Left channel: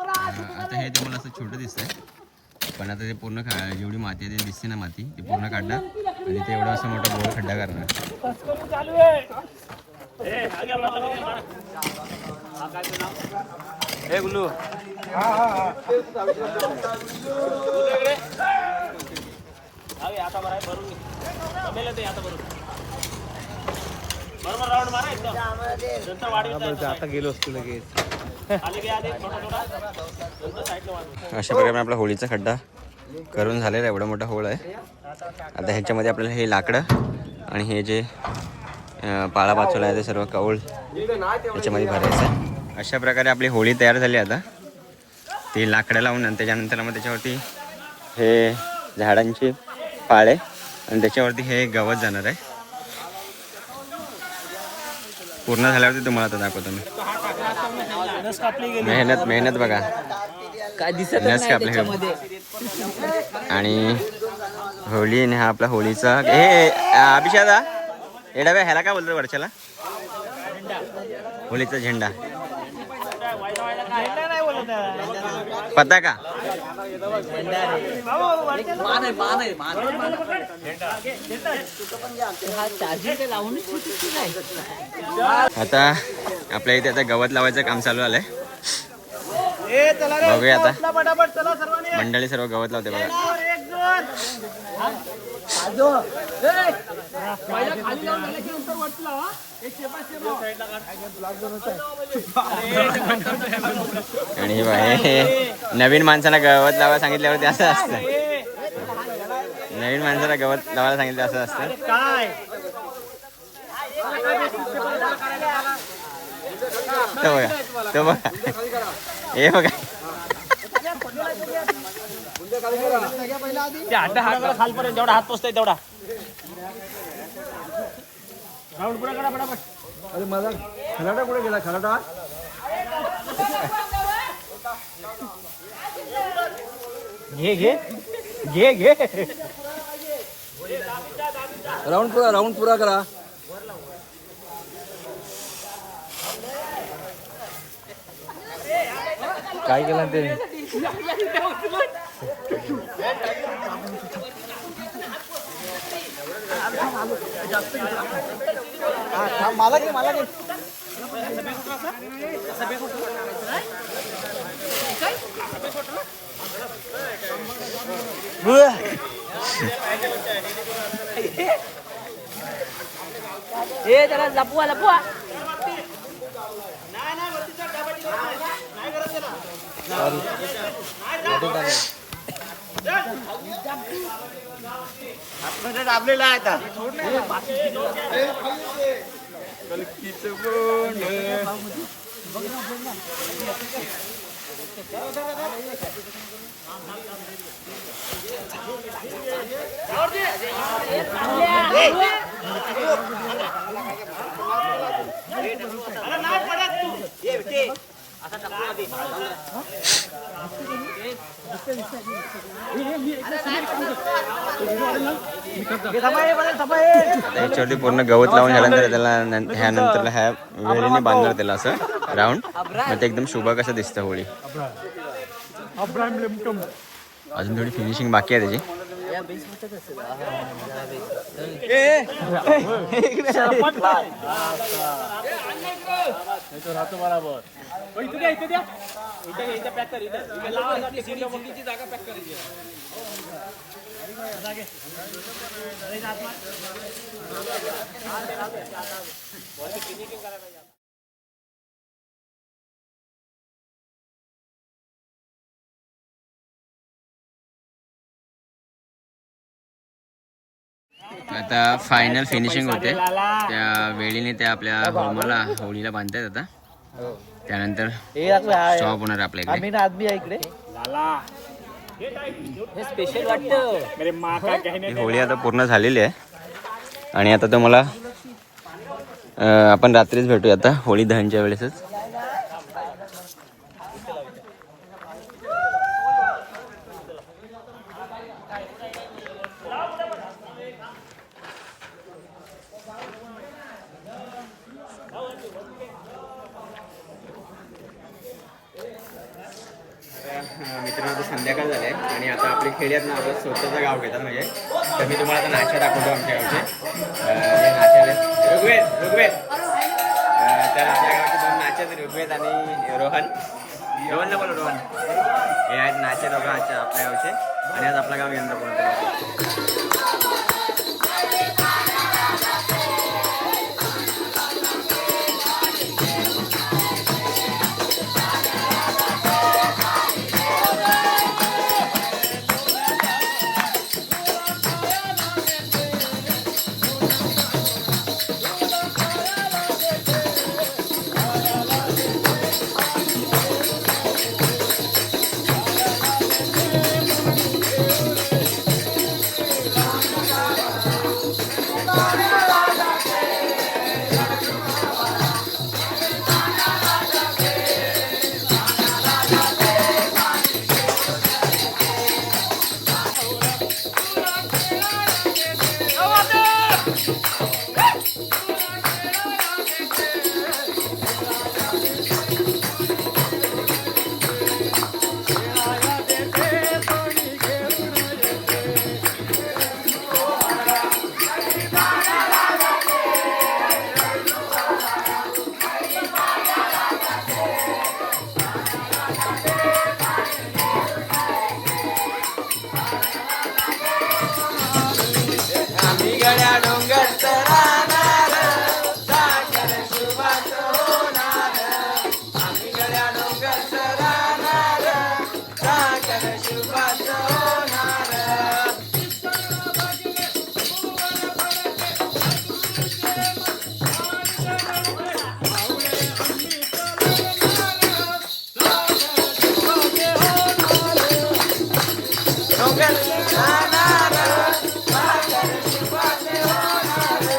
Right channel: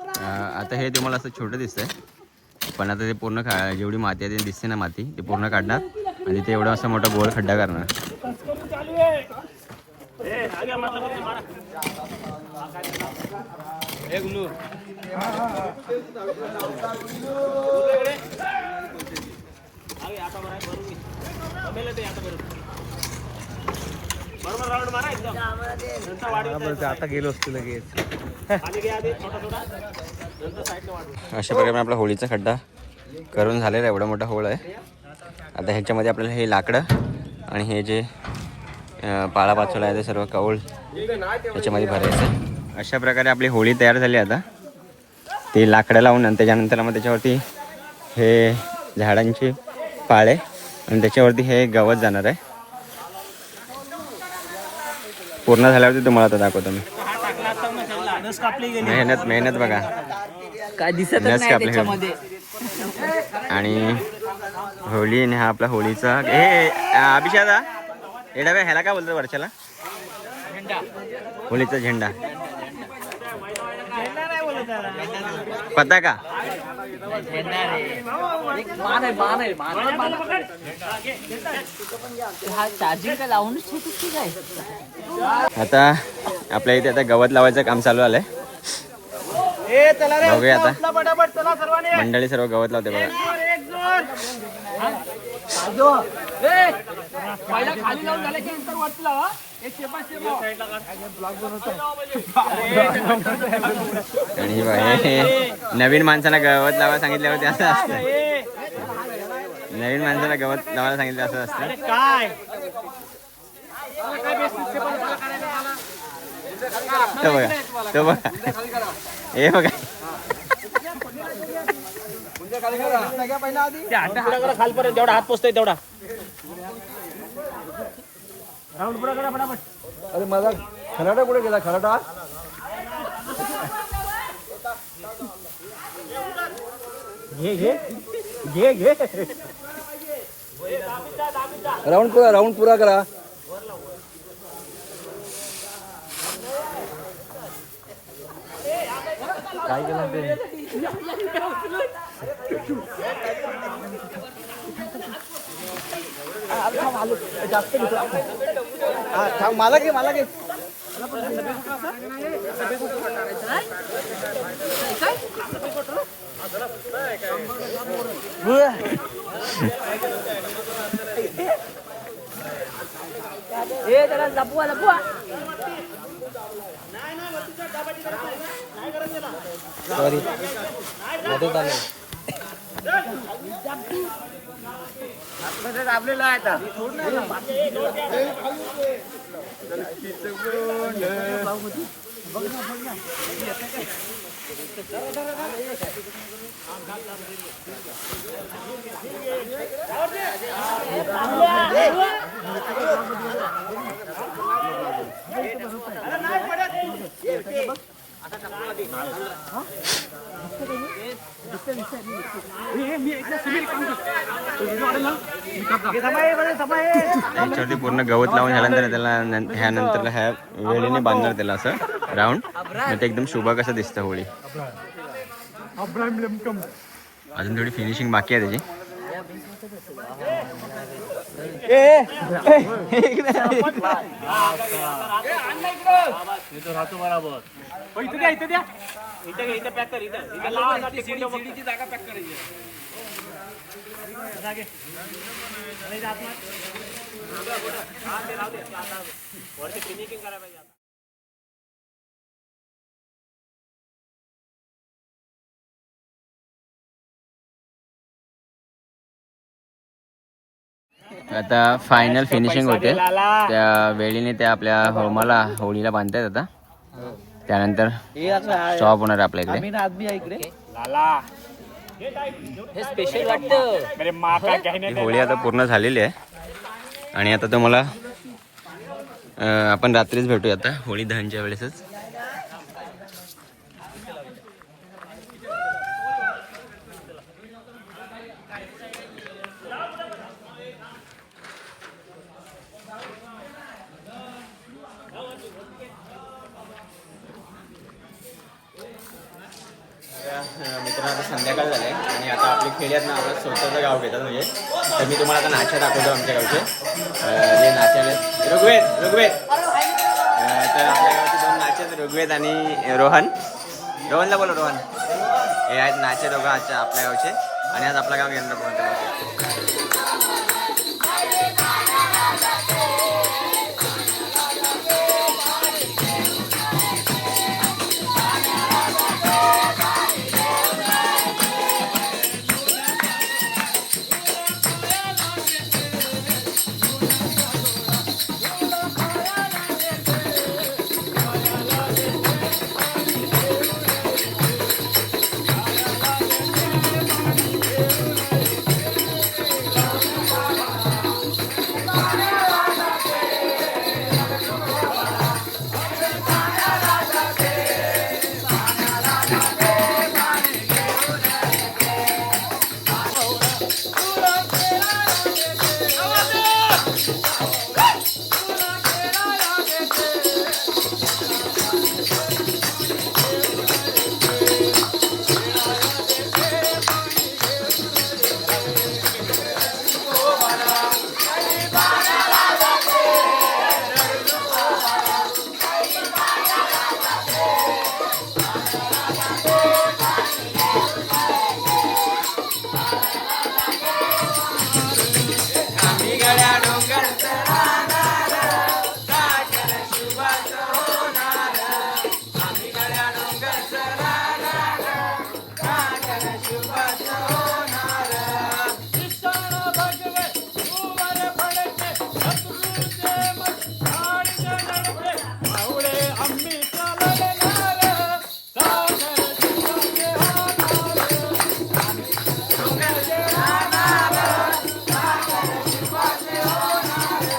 आता हे तुम्हाला असं छोटं दिसतंय, पण आता ते पूर्ण जेवढी माती आहे ते दिसते ना, माती ते पूर्ण काढणार आणि ते एवढा असा मोठा गोल खड्डा करणार. अशा प्रकारे आपला होळीचा खड्डा करून झालेला एवढा मोठा होळ आहे. आता ह्याच्यामध्ये आपल्याला हे लाकडं आणि हे जे पाळापाचोला आहे ते सर्व कौल याच्यामध्ये भरायचं आहे. अशा प्रकारे आपली होळी तयार झाली. आता ते लाकडं लावून आणि त्याच्यानंतर मग त्याच्यावरती हे झाडांची पाळे आणि त्याच्यावरती हे गवत जाणार आहे. पूर्ण झाल्यावरती तुम्हाला आता दाखवतो मी. मेहनत बघा, नस कापले. आणि होळी हा आपला होळीचा हे अभिषादा एडा ह्याला काय बोलतो वर्षाला? होळीचा झेंडा पताका. आता आपल्या इथे आता गवत लावायचं काम चालू आलंय. बघूया आता मंडळी सर्व गवत लावते बघा. आणि हे नवीन माणसाला गवत लावायला सांगितल्यावरती असं असतं. नवीन माणसाला गवत लावायला सांगितलं असं असतं. तो बघा हे बघा. जेवढा हात पोचतोय तेवढा राऊंड पुढे करा फटाफट. अरे माझा खराटा पुढे गेला. खराटा घे घे घे घे. राऊंड पुरा करा. काय केलं ते? मला घे लपवा. आपलेला आहे आता. याच्यावरती पूर्ण गवत लावून झाल्यानंतर त्याला ह्यानंतर ह्या वेळेने बांधणार त्याला असं राऊंड. मग ते एकदम शुभ कसं दिसतं होळी. अजून थोडी फिनिशिंग बाकी आहे त्याची. जागा पॅक करायची. आता फायनल फिनिशिंग होते. त्या वेळीने त्या आपल्या होमाला होळीला बांधतायत. आता त्यानंतर स्टॉप होणार आपल्याकडे. ही होळी आता पूर्ण झालेली आहे आणि आता तुम्हाला आपण रात्रीच भेटूया आता होळी दहनच्या वेळेसच. मित्रांनो आता संध्याकाळ झाले आणि आता आपली खेड्यात ना आपलं स्वतःचं गाव घेतात म्हणजे तर मी तुम्हाला आता नाश्ता दाखवतो आमच्या गावचे जे नाश्याला ऋग्वेद तर आपल्या गावचे 2 नाचे आहेत ऋग्वेद आणि रोहनला बोलो रोहन हे आहेत नाचे दोघं आजच्या आपल्या गावचे आणि आज आपलं गाव यंदा कोणतं गड्या डोंगर राहणार सागर शुभाच होणार आम्ही गड्या डोंगर राहणार सागर शुभाच होणार डोंगर राहणार सागर शुभाच होणार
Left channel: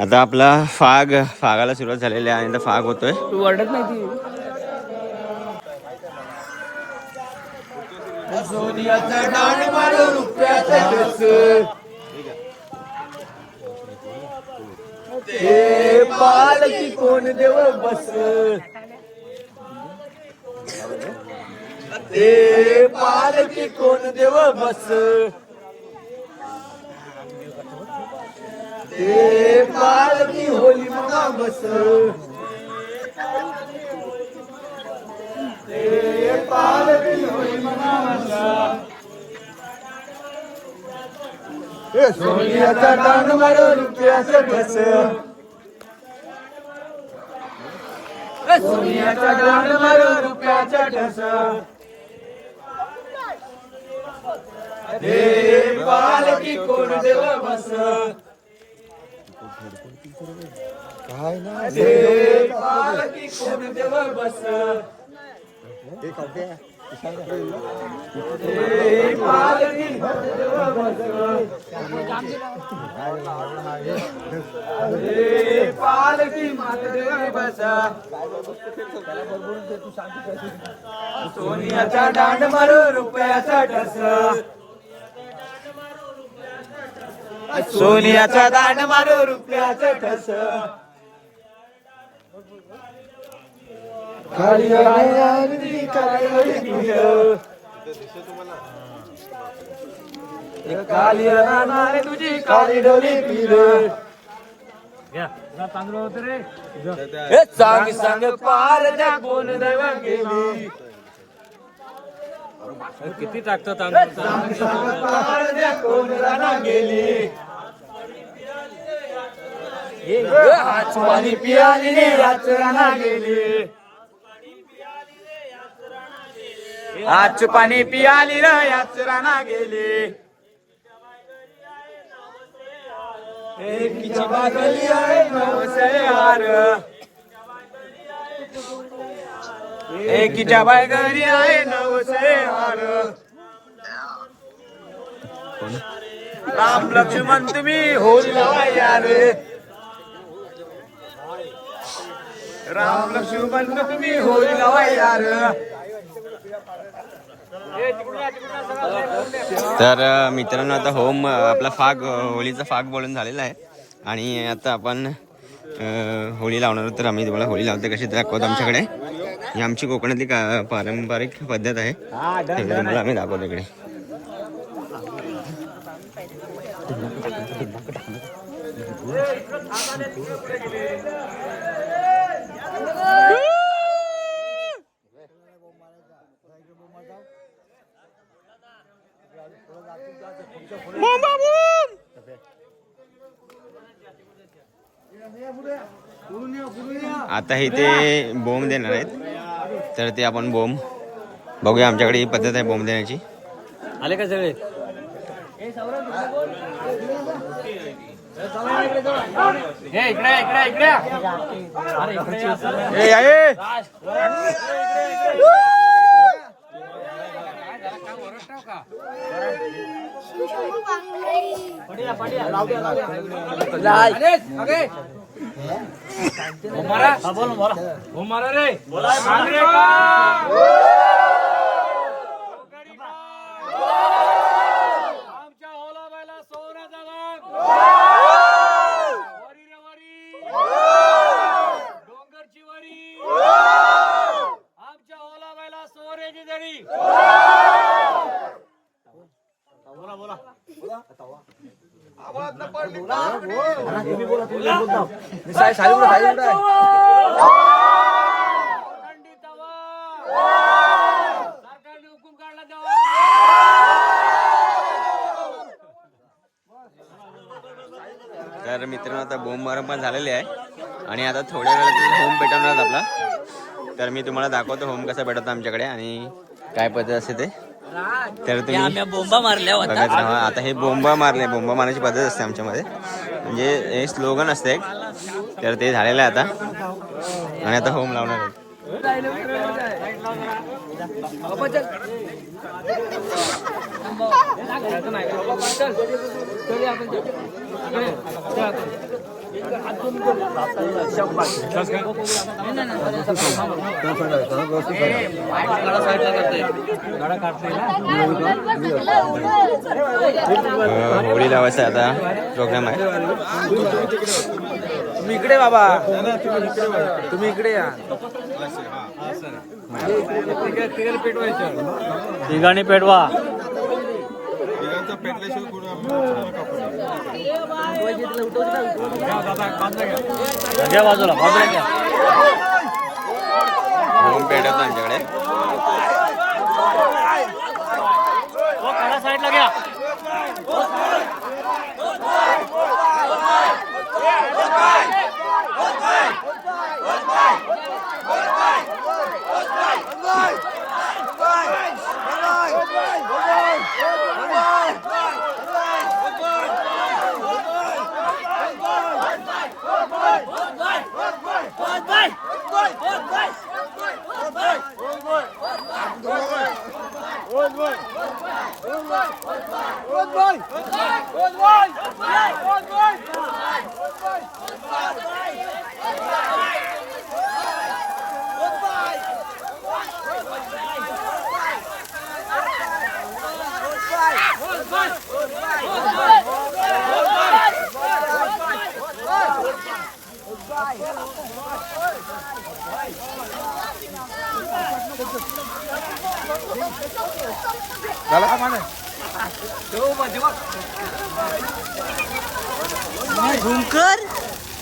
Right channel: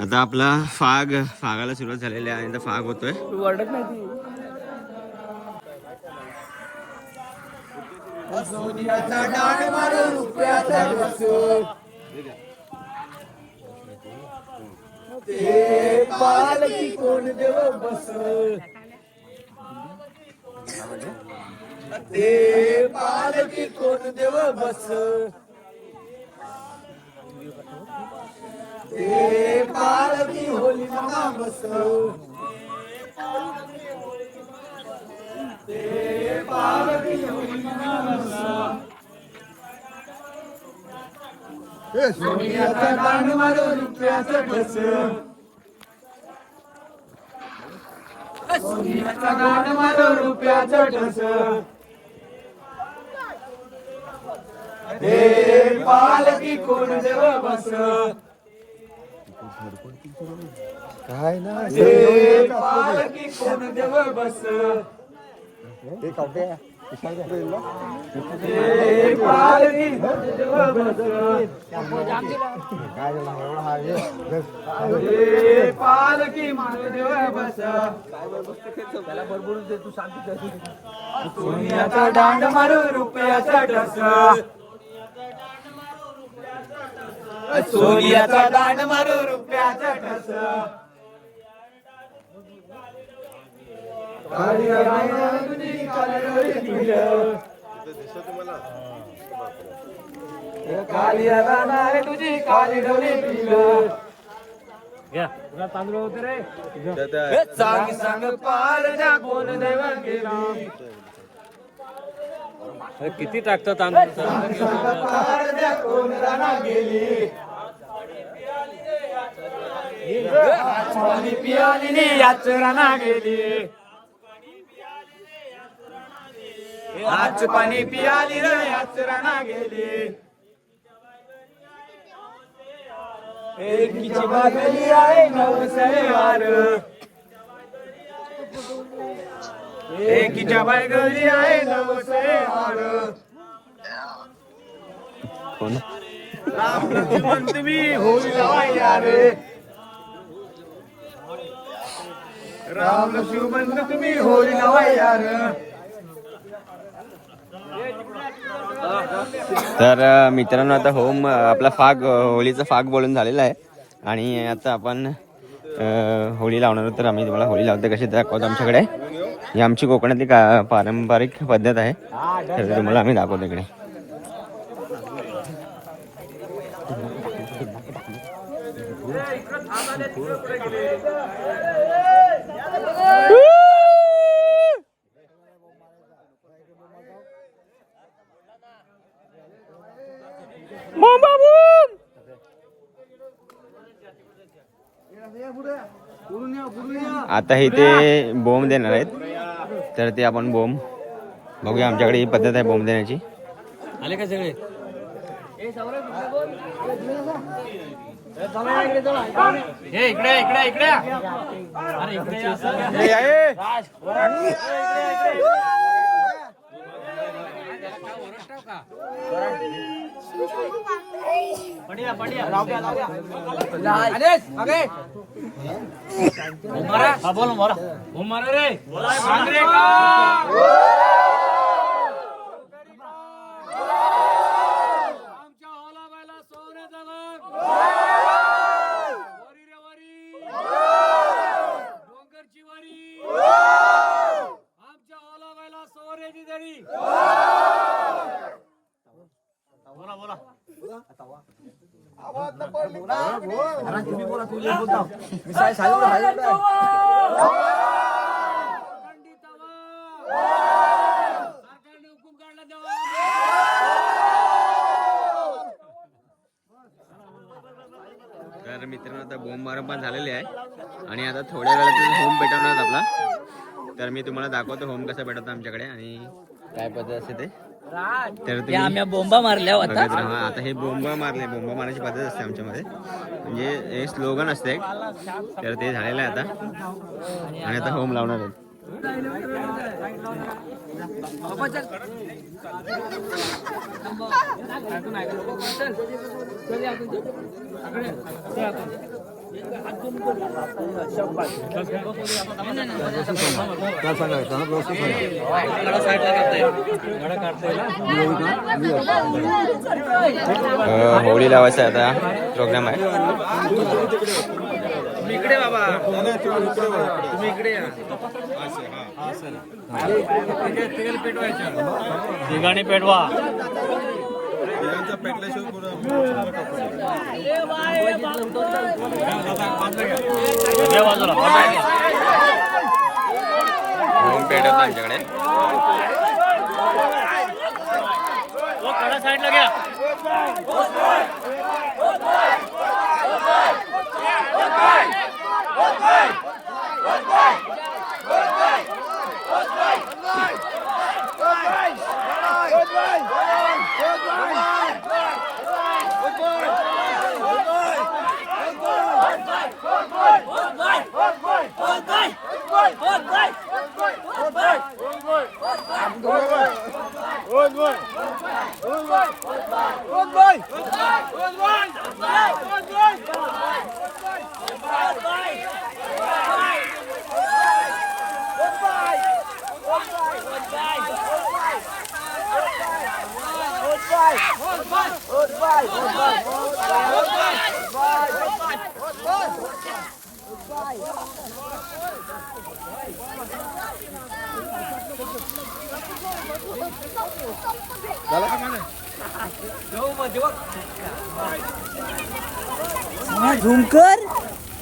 आता आपला फागाला सुरुवात झालेली आहे आणि आता फाग होतोय. तू ओरडत नाही ती. ते पालकी कोण देव बस, ते पालकी कोण देव बस, ते पालकी होली मुगा बस, ते पालकी होली मुगा बस. सोन्याचा दान मारो रुपयाचं कस, सोन्याचा दान मारो रुपयाचं कस, हे पालकी कोण देव बस, हे पालकी कोण देव बस, हे पालकी देव बस, हे पालकी मात देव बस. सोन्याचा दांड मारो रुपयाचा ठस, सोन्याचा दांड मारो रुपयाचा ठस, काली राहणार तुझी काली डोली पिल. तांदूळ होते रे. सांग सांग पार द्या कोण नव्या गेली, किती टाकतो तांदूळ. सांग सांग पार द्या कोण राणा गेली, आज पाणी पियाली ने याच राणा गेली, आज पाणी पियाली र याच राणा गेली. एकीची बागली आहे नवसे हार, एकीच्या बागली आहे नवसे हार. राम लक्ष्मण तुम्ही होली लावा यार, राम लक्ष्मण तुम्ही होली लावा यार. तर मित्रांनो आता होम आपला फाग होळीचा फाग बोलून झालेला आहे आणि आता आपण होळी लावणार आहोत. तर आम्ही तुम्हाला होळी लावते कशी दाखवतो आमच्याकडे. ही आमची कोकणातली पारंपरिक पद्धत आहे, तर तुम्हाला आम्ही दाखवतो इकडे. आता हे ते बोंब देणार आहेत, तर ते आपण बोंब बघूया. आमच्याकडे ही पद्धत आहे बोंब देण्याची. आले का सगळे. हे इकडे इकडे इकडे, अरे इकडे मारा रे. आमच्या होला बायला सोन्याचा दान, वरी रे वरी, डोंगरची वरी, आमच्या होला बायला सोन्याची जरी. बोला बोला बोला. आवाज न पडली तुम्ही बोला. तुम्ही बोलता सरकारने हुकूम काढला तेव्हा. तर मित्रांनो आता बोंब मारण पण झालेले आहे आणि आता थोड्या वेळात होम पेटवणार आपला. तर मी तुम्हाला दाखवतो होम कसा पेटवतो आमच्याकडे आणि काय पद्धत असते ते. तर तुम्ही बोंबा मारल्या बघत राहा. आता हे बोंबा मारण्याची पद्धत असते आमच्यामध्ये, म्हणजे हे स्लोगन असते एक. तर ते झालेलं आहे आता आणि आता होम लावणार आहे. होळी लावायचा आता प्रोग्राम आहे. तुम्ही इकडे बाबा, तुम्ही इकडे या. तिघांनी पेटवा. तिघांचा पेटल्याशिवाय बाजूला होम पेटवतो आमच्याकडे. साईडला घ्या.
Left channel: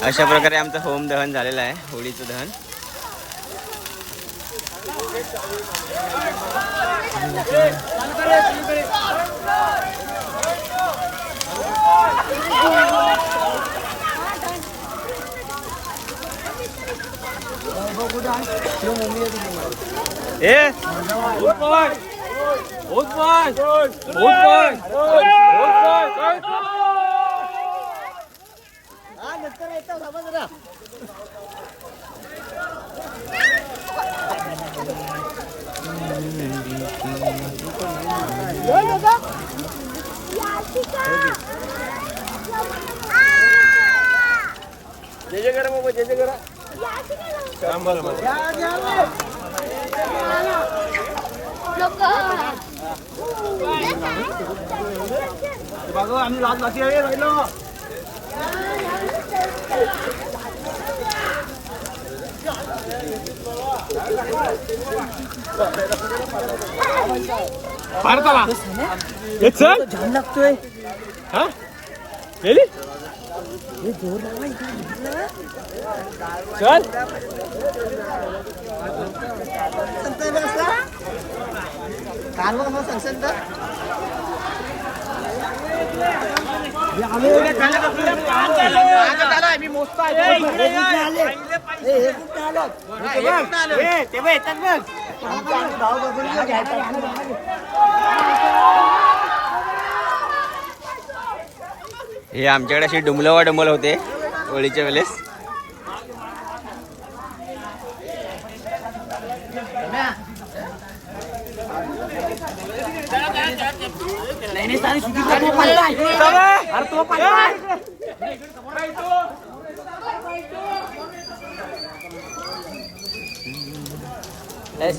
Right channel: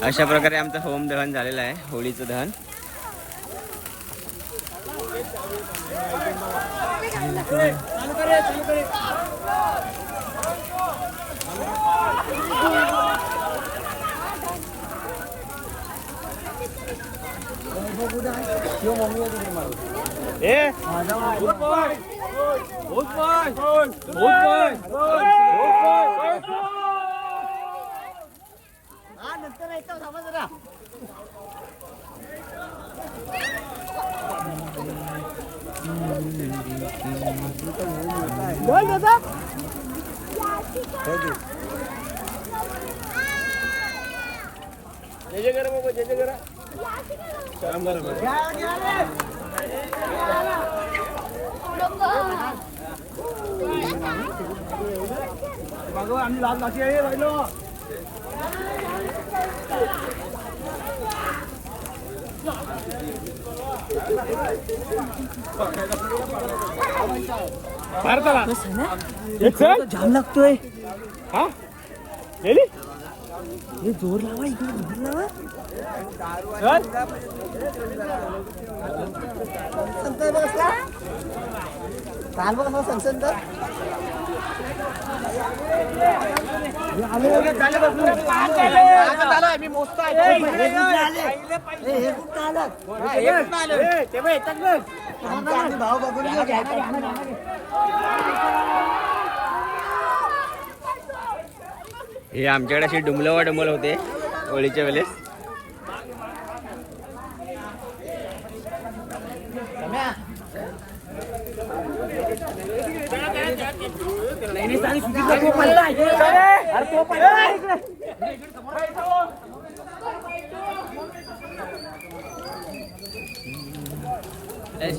अशा प्रकारे आमचं होम दहन झालेलं आहे, होळीचं दहन. आम्ही लाच लाची आहे राहिलो. भारताला छान लागतोय. हा जोर लावा इकडे. हे आमच्याकडे अशी डुमलवा डुमल होते होळीच्या वेळेस.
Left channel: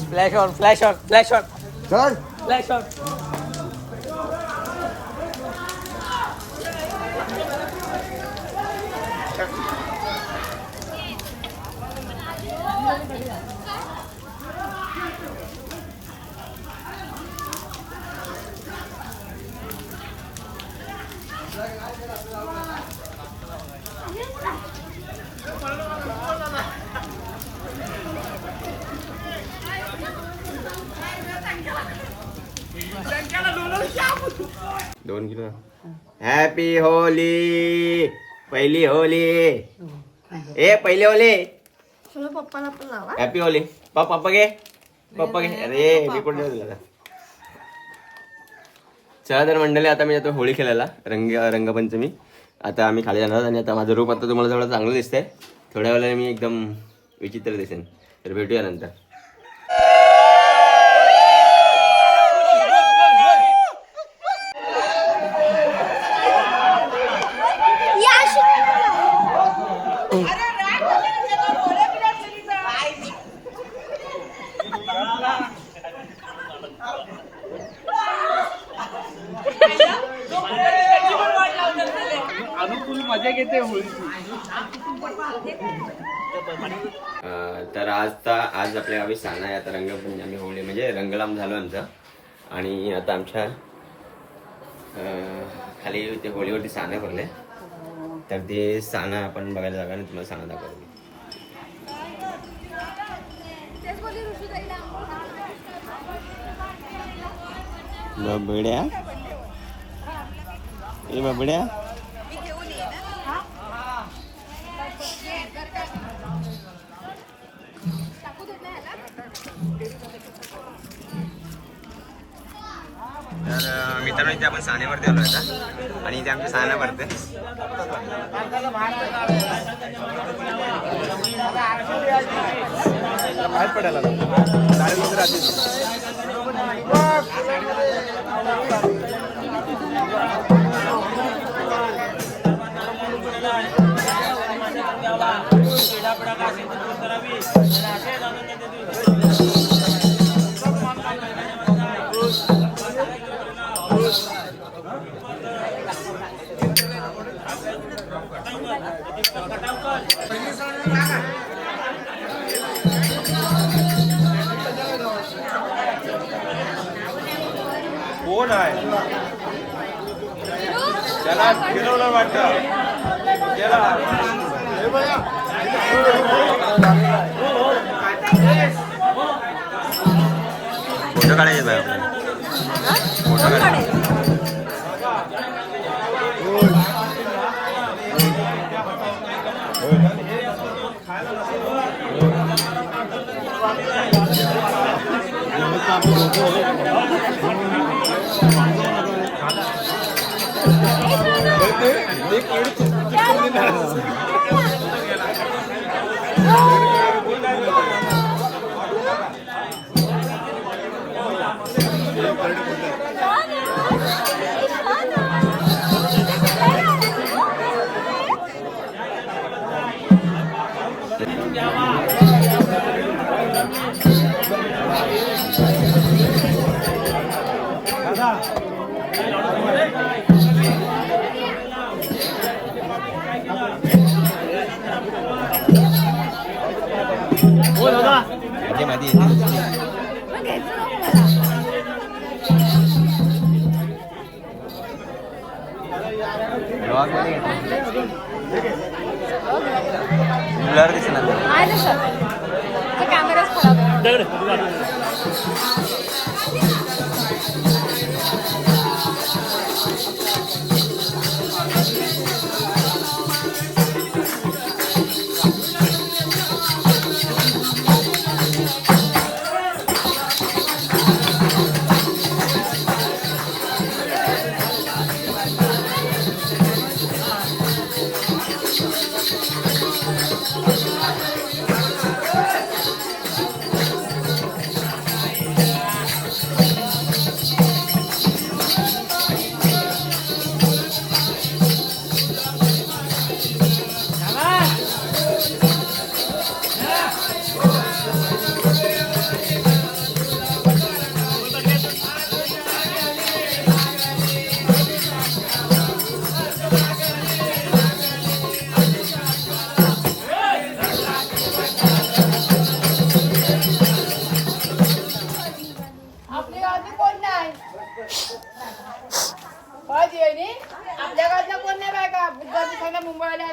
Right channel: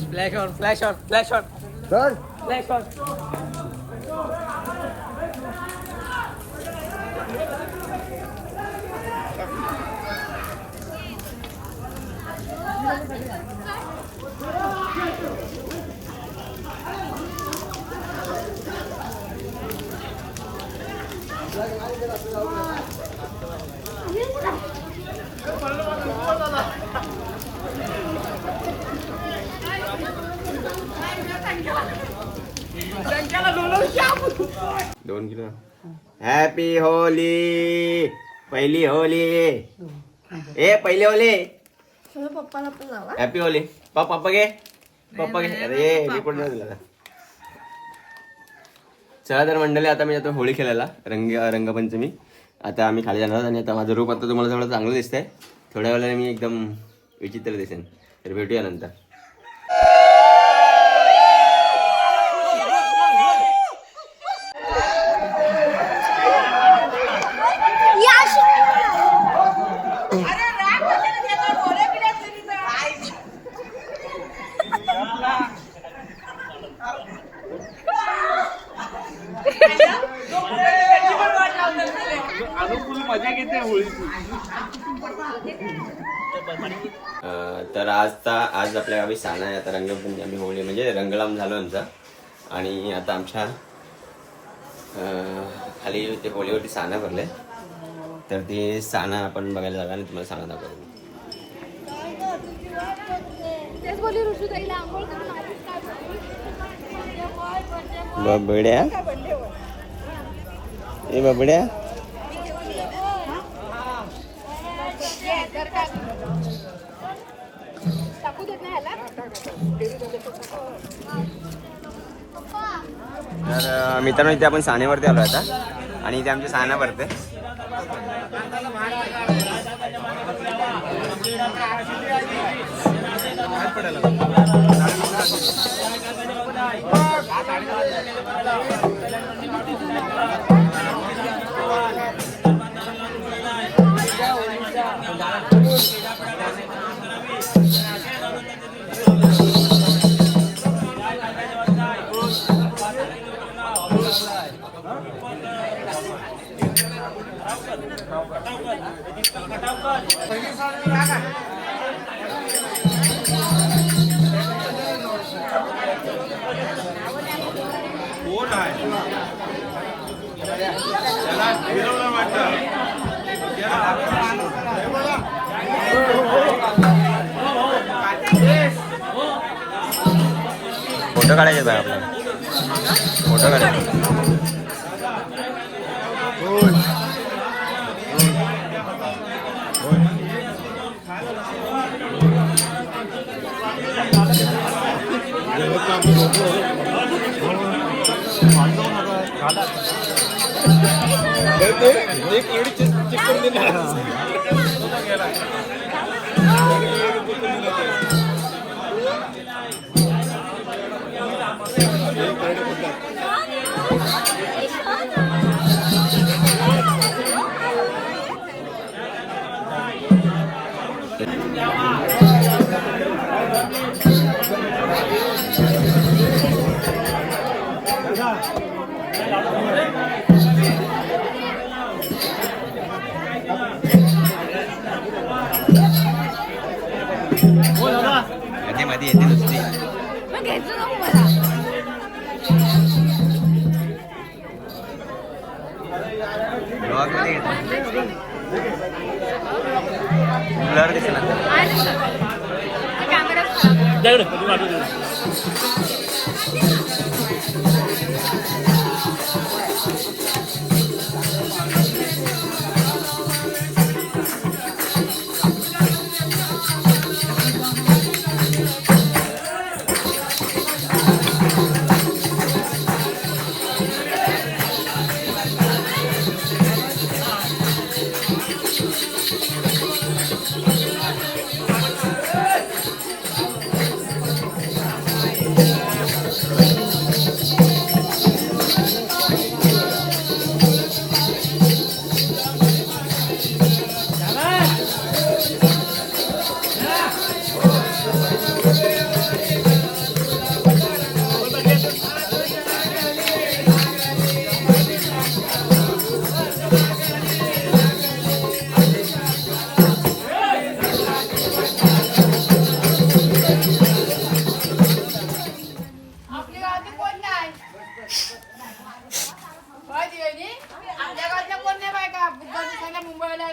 Flash on flash on flash on flash on. दोन किलो. Happy Holy. पहिली होली. पहिली होली. पप्पाला पण लावा. Happy Holy. पप्पा घे. पप्पा घे. अरे मी कुठे दिला. चला तर मंडळी, आता मी जातो होळी खेळायला. रंगपंचमी. आता आम्ही खाली जाणार आणि आता माझं रूप आता तुम्हाला थोडं चांगलं दिसतंय. थोड्या वेळाने मी एकदम विचित्र दिसेन. तर भेटूया नंतर. तर आज आपल्या गावी साना आहे. आता रंगपंचमी आम्ही होळी म्हणजे रंगलाम झालो आमचा. आणि आता आमच्या खाली ते होळीवरती साना भरले. तर ते साना आपण बघायला जागा आणि तुम्हाला साना दाखवतो. बबड्या ए बबड्या तर मित्रांनो इथे आपण सानेवरती आलो आता आणि इथे आमची साना भरते. फोटो काढायचे बाय आपल्याला. फोटो काढायचे. ब्लर दिसेल मुंबईला